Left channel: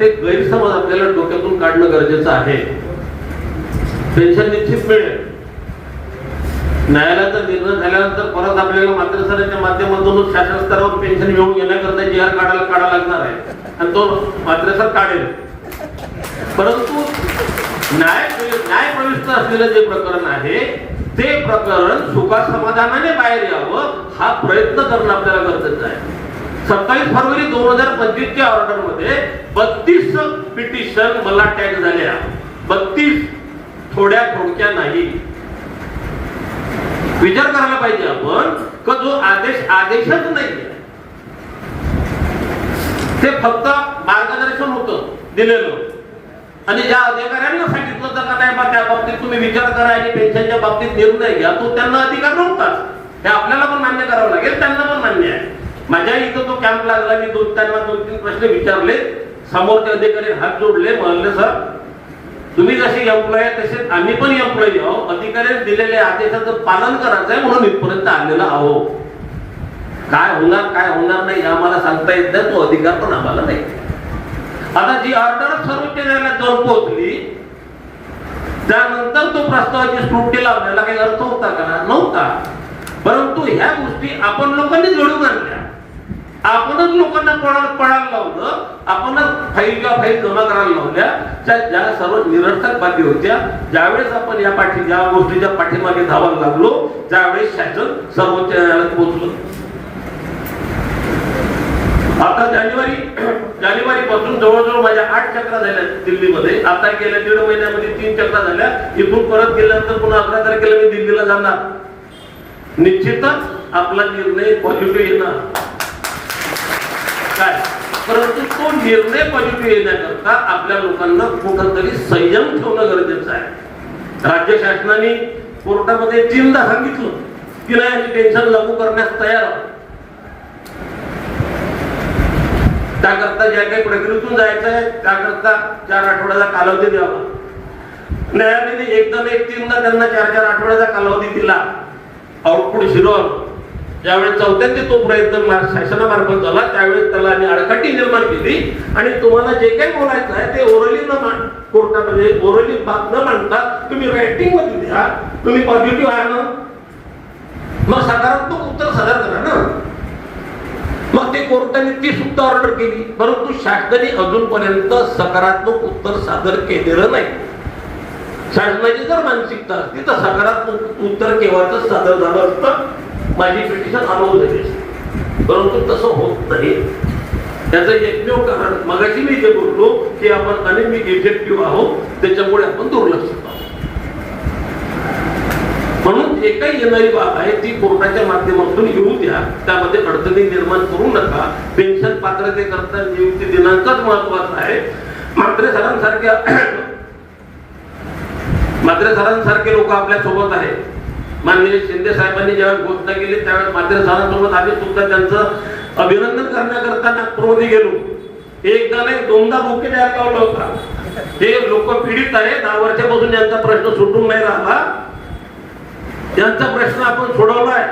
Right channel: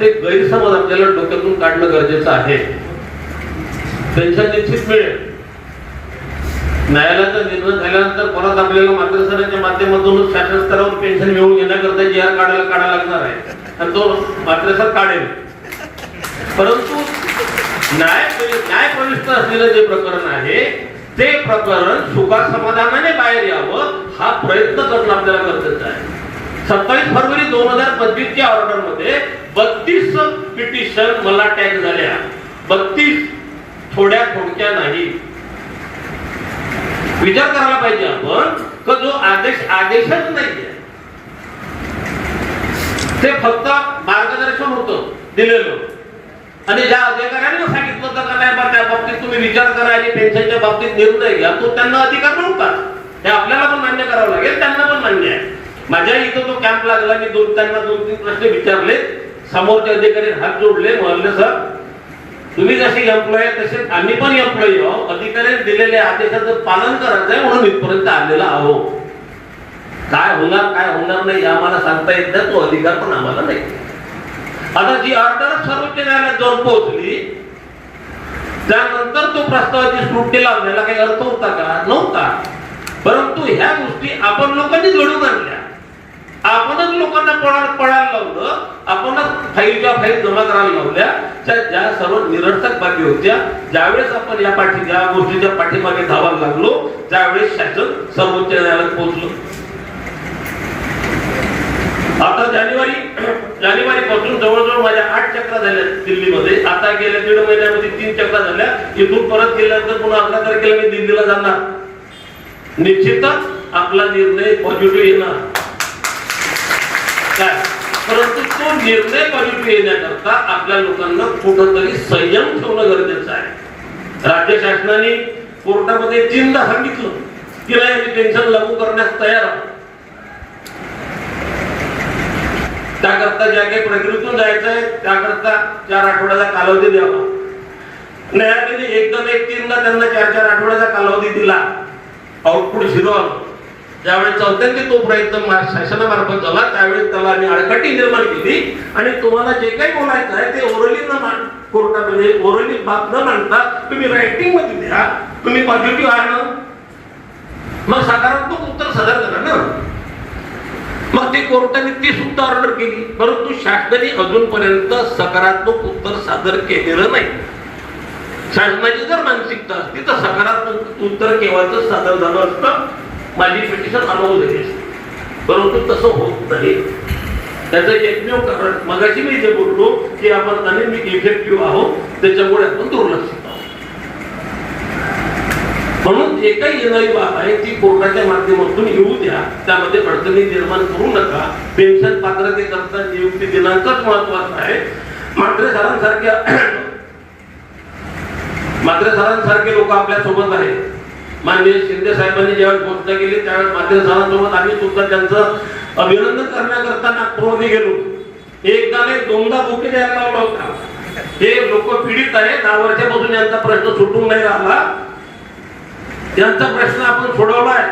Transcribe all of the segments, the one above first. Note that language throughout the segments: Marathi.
ते गैरसमज आपल्याला डोक्यातून काढणं गरजेचं आहे. पेन्शन निश्चित मिळेल. न्यायालयाचा निर्णय झाल्यानंतर परत आपल्याला मातृसराच्या माध्यमातून शासन स्तरावर पेन्शन मिळवून घेण्याकरता जी आर काढायला काढावा लागणार आहे आणि तो मातृसर काढेल. परंतु न्याय न्याय प्रविष्ट असलेलं जे प्रकरण आहे ते प्रकरण सुखा समाधानाने बाहेर यावं हा प्रयत्न करणं आपल्याला गरजेचं आहे. सत्तावीस फरवरी दोन हजार पंचवीसच्या ऑर्डरमध्ये बत्तीस पिटिशन मला टॅग झाल्या बत्तीस थोड्या थोडक्या नाही. विचार करायला पाहिजे आपण का जो आदेश आदेशच नाहीये. ते फक्त मार्गदर्शन होतं दिलेलं. आणि ज्या अधिकाऱ्यांना सांगितलं होतं नाही बा त्या बाबतीत तुम्ही विचार करा आणि पेन्शनच्या बाबतीत निर्णय घ्या तो त्यांना अधिकार नव्हता हे आपल्याला पण मान्य करावं लागेल त्यांना पण मान्य आहे. माझ्या इथं तो कॅम्प लागला मी दोन त्यांना दोन तीन प्रश्न विचारले. समोरचे अधिकारी हात जोडले म्हणले सर तुम्ही जसे एम्प्लॉय तसे आम्ही पण एम्प्लॉई आहोत. अधिकाऱ्यांनी दिलेल्या आदेशाचं पालन करायचं आहे म्हणून इथपर्यंत आलेला आहो काय होणार काय होणार नाही आम्हाला सांगता येत नाही तो अधिकार पण आम्हाला नाही. आता जी ऑर्डर सर्वोच्च न्यायालयात जाऊन पोहोचली त्यानंतर तो प्रस्तावाची स्फूर्ती लावण्याला काही अर्थ होता का? नव्हता. परंतु ह्या गोष्टी आपण लोकांनी जोडून आणल्या. आपणच लोकांना पळायला पळायला लावलं आपणच फाईलच्या फाईल जमा करायला लावल्या त्या ज्या सर्व निरर्थक बाबी होत्या ज्यावेळेस आपण या पाठी ज्या गोष्टीच्या पाठीमागे धावायला लागलो त्यावेळेस शासन सर्वोच्च न्यायालयात पोहोचलो. आता जानेवारी जानेवारी पासून जवळजवळ माझ्या आठ चक्रा झाल्या दिल्लीमध्ये. आता गेल्या दीड महिन्यामध्ये तीन चक्रा झाल्या. इथून परत गेल्यानंतर पुन्हा अकरा तारखेला मी दिल्लीला जाणार. निश्चितच आपला निर्णय पॉझिटिव्ह येणार. काय परंतु तो निर्णय पॉझिटिव्ह येण्याकरता आपल्या लोकांना कुठंतरी संयम ठेवणं गरजेचं आहे. राज्य शासनाने कोर्टामध्ये तीनदा सांगितलं. की नाही टेन्शन लागू करण्यास तयार आहोत. त्याकरता ज्या काही प्रकृतीतून जायचं आहे त्याकरता चार आठवड्याचा कालावधी द्यावा. न्यायालयाने एकदम एक तीनदा त्यांना चार चार आठवड्याचा कालावधी दिला. आउटपुट झिरो आलं. ज्यावेळी चौथ्यांदा तो प्रयत्न शासनामार्फत झाला त्यावेळेस त्याला आम्ही आडकाठी निर्माण केली. आणि तुम्हाला जे काही बोलायचं आहे ते ओरली न मान कोर्टामध्ये म्हणजे ओरली बाब न मांडता तुम्ही रायटिंगमध्ये द्या तुम्ही पॉझिटिव्ह आहे ना? मग सकारात्मक उत्तर सादर करा ना. मग ते कोर्टाने ती सुद्धा ऑर्डर केली. परंतु शासनाने अजूनपर्यंत सकारात्मक उत्तर सादर केलेलं नाही. शासनाची जर मानसिकता असती तर सकारात्मक उत्तर केव्हाच सादर झालं असतं? माझी पिटिशन अनुभव झाली परंतु तसं होत नाही. त्याचं एकमेव कारण मगाशी मी जे बोललो की आपण अनेक इफेक्टिव्ह आहोत त्याच्यामुळे आपण दुर्लक्षित आहोत. म्हणून जे काही येणारी बाब आहे ती कोर्टाच्या माध्यमातून येऊ द्या. त्यामध्ये अडचणी निर्माण करू नका. पेन्शन पात्रतेकरता नियुक्ती दिनांकच महत्त्वाचा आहे. मात्र सरांसारख्या मात्र सरांसारखे लोक आपल्यासोबत आहेत. माननीय शिंदे साहेबांनी ज्यावेळेस घोषणा केली त्यावेळेस मात्र सरांसोबत आम्ही सुद्धा त्यांचं अभिनंदन करण्याकरता नागपूरमध्ये गेलो. एकदा नाही दोनदा बोके द्यायला लावला होता. हे लोक पीडित आहेत दहा वर्षापासून यांचा प्रश्न सुटून नाही राहिला. त्यांचा प्रश्न आपण सोडवलाय.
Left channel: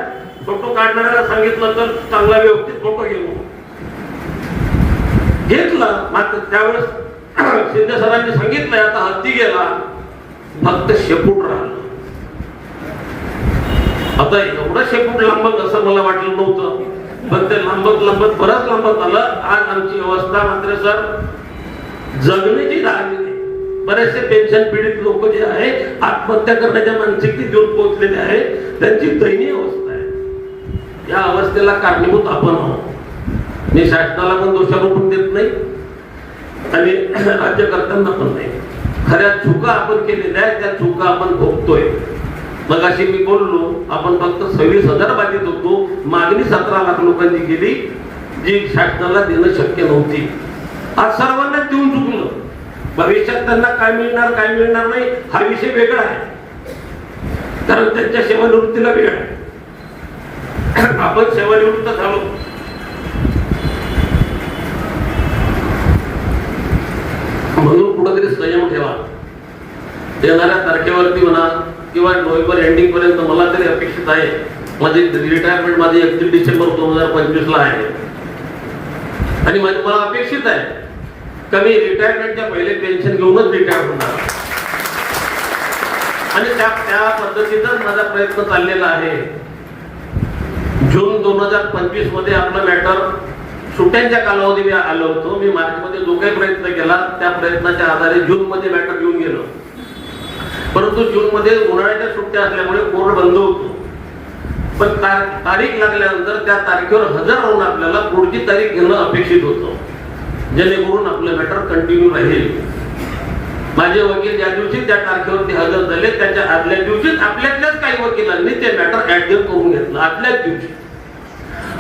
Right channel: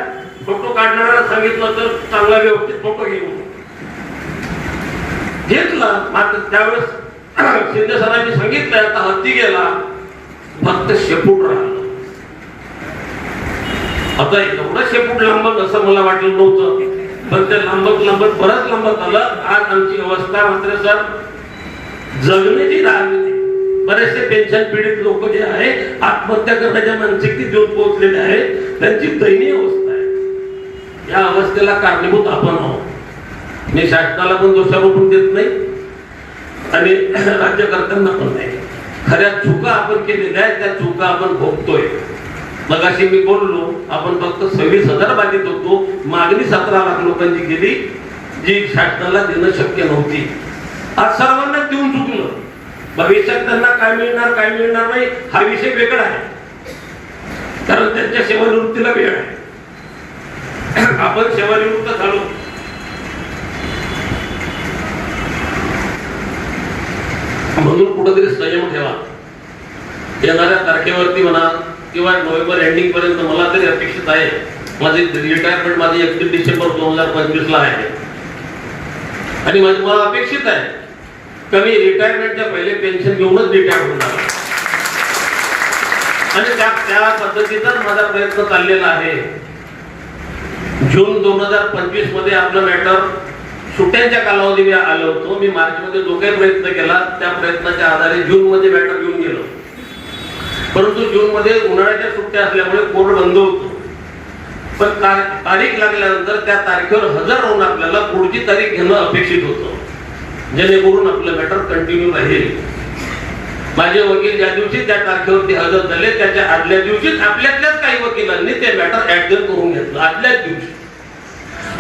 फोटो काढणाऱ्याला सांगितलं तर चांगला व्यवस्थित फोटो घेऊ घेतला मात्र त्यावेळेस शिंदे सरांनी सांगितलंय आता हत्ती गेला फक्त शेपूट राहिला. आता एवढं शेपूट लांबत असं मला वाटलं नव्हतं. पण ते लांबत लांबत बरंच लांबत आलं. आज आमची अवस्था मात्र सर जगण्याची राहिली बरेचसे पेन्शन पीडित लोक जे आहे आत्महत्या करण्याच्या मानसिकतेत येऊन पोहोचलेले आहेत. त्यांची दयनीय अवस्था आहे. या अवस्थेला कारणीभूत आपण आहोत. मी शासनाला पण दोषारोपण देत नाही. आणि राज्यकर्त्यांना पण नाही. खऱ्या चुका आपण केलेल्या आहेत त्या चुका आपण भोगतोय. मग अशी मी बोललो आपण फक्त सव्वीस हजार बाधित होतो. मागणी सतरा लाख लोकांची गेली जी शासनाला देणं शक्य नव्हती. आज सर्वांना देऊन चुकलं. भविष्यात त्यांना काय मिळणार काय मिळणार नाही हा विषय वेगळा आहे. कारण त्यांच्या सेवानिवृत्तीला वेळ आहे. आपण सेवानिवृत्त झालो. म्हणून कुठेतरी संयम ठेवा. येणाऱ्या तारखेवरती म्हणा किंवा नोव्हेंबर एंडिंग पर्यंत मला तरी अपेक्षित आहे. माझी रिटायरमेंट माझी एकतीस डिसेंबर दोन हजार पंचवीस ला आहे. आणि म्हणजे मला अपेक्षित आहे कमी रिटायरमेंटच्या पहिले पेन्शन घेऊनच रिटायर होणार. आणि त्या त्या पद्धतीचाच माझा प्रयत्न चाललेला आहे. जून दोन हजार पंचवीसमध्ये आपलं मॅटर सुट्ट्यांच्या कालावधी मी आलो होतो. मी मार्च मध्ये जो काही प्रयत्न केला त्या प्रयत्नाच्या आधारे जून मध्ये मॅटर घेऊन गेलो. परंतु जून मध्ये उन्हाळ्याच्या सुट्ट्या असल्यामुळे कोर्ट बंद होतो? पण ता- तारीख लागल्यानंतर त्या तारखेवर हजर राहून आपल्याला पुढची तारीख घेणं अपेक्षित होतं. जेणेकरून आपलं मॅटर कंटिन्यू राहील. माझे वकील ज्या दिवशी त्या तारखेवरती हजर झाले त्याच्या आदल्या दिवशीच आपल्यातल्याच काही वकिलांनी ते मॅटर ऍडजस्ट करून घेतलं आदल्याच दिवशी.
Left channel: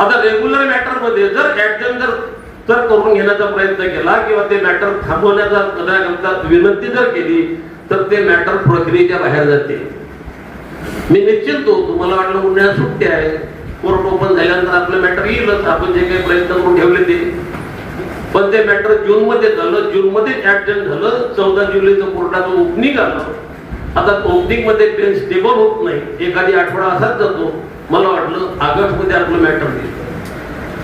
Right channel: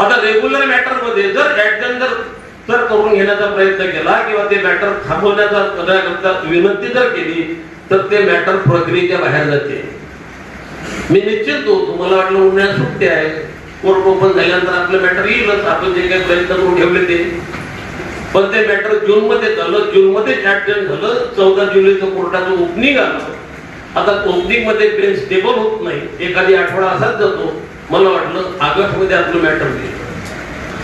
आता रेग्युलर मॅटरमध्ये जर ऍडजस्ट जर जर करून घेण्याचा प्रयत्न केला किंवा ते मॅटर थांबवण्याचा विनंती जर केली तर ते मॅटर प्रक्रियेच्या बाहेर जाते. मी निश्चित होतो तुम्हाला वाटलं उन्हाळ्यात सुट्टी आहे. कोर्ट ओपन झाल्यानंतर आपलं मॅटर येईलच आपण जे काही प्रयत्न करून ठेवले ते. पण ते मॅटर जून मध्ये झालं जून मध्ये ऍडजस्ट झालं चौदा जुलैचं कोर्टाचं ओपनिंग आलं. आता ओपनिंगमध्ये बेंच स्टेबल होत नाही. एखादी आठवडा असाच जातो. मला वाटलं ऑगस्टमध्ये आपलं मॅटर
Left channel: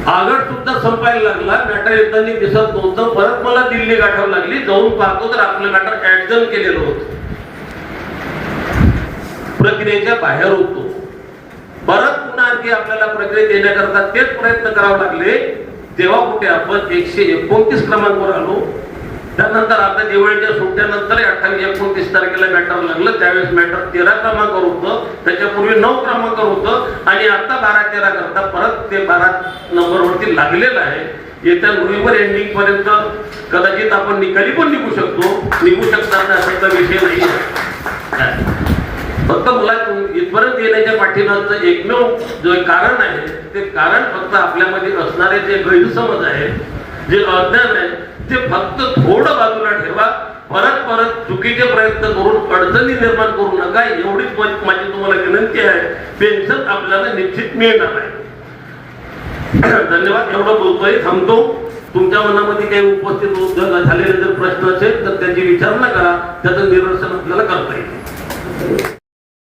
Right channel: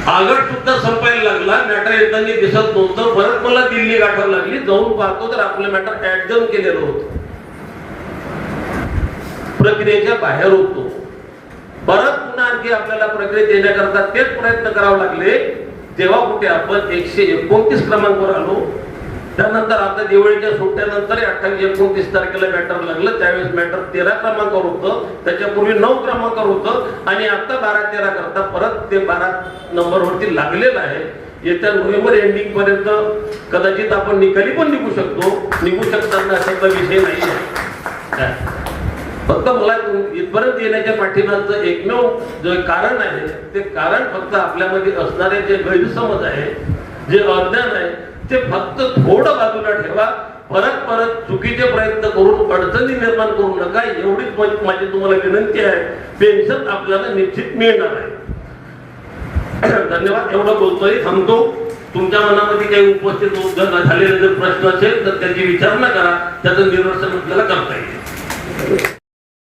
होईल सुद्धा संपायला लागला मॅटर येताना दिसत नव्हतं. परत मला दिल्ली गाठावं लागली. जाऊन पाहतो तर आपलं मॅटर ऍडजन केलेलं होत. प्रक्रियेच्या बाहेर होतो. परत पुन्हा आणखी आपल्याला प्रक्रियेत येण्याकरता तेच प्रयत्न करावे लागले. तेव्हा कुठे आपण एकशे एकोणतीस क्रमांकावर आलो. त्यानंतर आता दिवाळीच्या सुट्ट्यानंतर अठ्ठावीस एकोणतीस तारखेला मॅटर लागलं. त्यावेळेस मॅटर तेरा क्रमांकावर होतं. त्याच्यापूर्वी नऊ क्रमांकावर होतं. आणि आता बारा तेरा करता परत ते बारा नंबरवरती लागलेलं आहे. येत्या नोव्हेंबर एंडिंग पर्यंत कदाचित आपण निकाली पण निघू शकतो. निघू शकतात असा विषय नाही फक्त मला इथपर्यंत येण्याच्या पाठीमागचं एकमेव जे कारण आहे ते कारण फक्त आपल्यामध्ये असणारे जे गैरसमज आहे जे अज्ञान आहे ते फक्त थोडं बाजूला ठेवा. परत परत चुकीचे प्रयत्न करून अडचणी निर्माण करू नका. एवढीच माझी तुम्हाला विनंती आहे. पेन्शन आपल्याला निश्चित मिळणार आहे. धन्यवाद. एवढं बोलतोय. थांबतो. तुमच्या मनामध्ये काही उपस्थित उद्योग झालेले जर प्रश्न असेल तर त्यांची विचारणा करा. त्याचं निरसन